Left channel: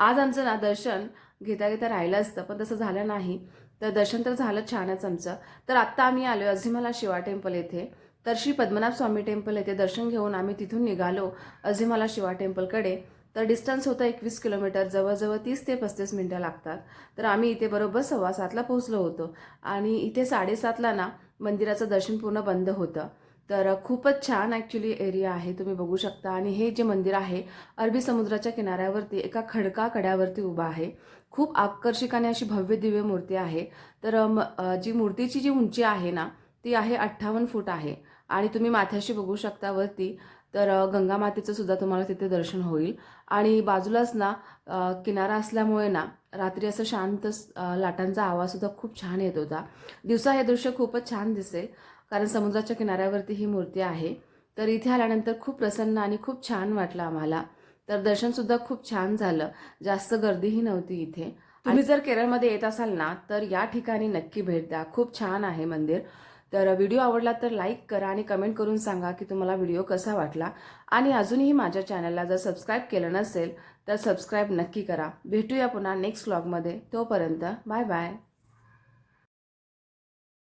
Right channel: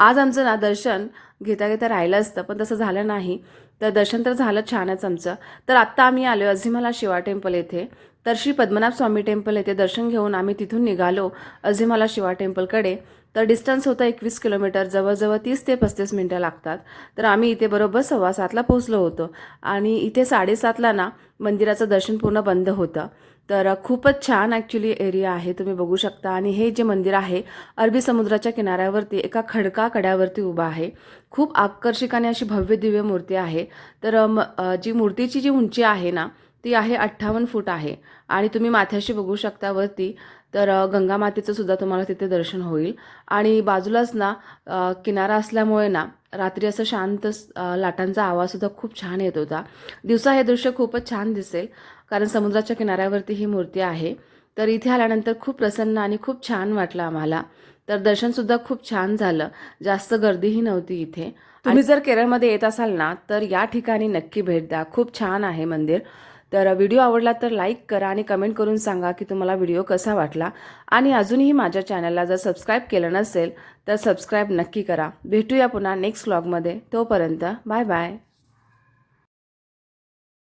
आज आमचं ना दर्शन घेता घेता राहिलं असतं, पण तसं झालं नाही. तर दर्शन तर झालं छानच आमचं. तर आत्ता आम्ही आलो अजिमाला शिवा टेम्पल येथे. तर श्री पद्मनाभ स्वामी टेम्पल येथे दर्शन घेऊन आम्ही तिथून निघालो अजिमाला शिवा टेम्पलकडे. तर डिस्टन्स होतं 21 किलोमीटर, जवळजवळ 30 ते 35 मिनटं लागतात. तर आम्ही इथे बरोबर 7:15ला पोहोचलो होतो आणि इथे 7:30ला ना मंदिराचं दर्शन पूर्ण बंद होतं. तर खूपच छान ॲक्च्युली एरिया आहे, तुम्ही बघू शकता. आणि हे जे मंदिर आहे अरबी समुद्राच्या किनाऱ्यावरती एका खडका कड्यावरती उभा आहे. खूप आकर्षक आणि अशी भव्य दिव्य मूर्ती आहे. तर जी मूर्तीची जी उंची आहे ना ती आहे 58 फूट आहे. आणि तुम्ही माथ्याशी बघू शकता वरती. तर गंगा मातेचं सुद्धा तुम्हाला तिथे दर्शन होईल. आणि बाजूलाच ना किनारा असल्यामुळे ना रात्री असं शांत लाटांचा आवाजसुद्धा खूप छान येत होता. दिवसा हे दृश्य खूपच छान दिसेल, कारण समुद्राच्या किनाऱ्यावरती ही मूर्ती आहे. तर इथे आल्यानंतर खूप प्रसन्न आणि खूप छान वाटलं आम्हाला. तर दर्शनसुद्धा खूप छान झालं. जास्त गर्दीही नव्हती इथे. तुम्ही जर केरळमध्ये येत असाल ना तर या ठिकाणी नक्की भेट द्या. खूप छान आहे मंदिर. तर व्हिडिओ आवडला तर लाईक करा आणि कमेंट करून सांगा की तुम्हाला व्हिडिओ कसा वाटला. आणि अजूनही माझ्या चॅनलला जर सबस्क्राईब केलं नसेल तर सबस्क्राईब नक्की करा. भेटूया पुन्हा नेक्स्ट व्लॉगमध्ये. तोपर्यंत बाय बाय.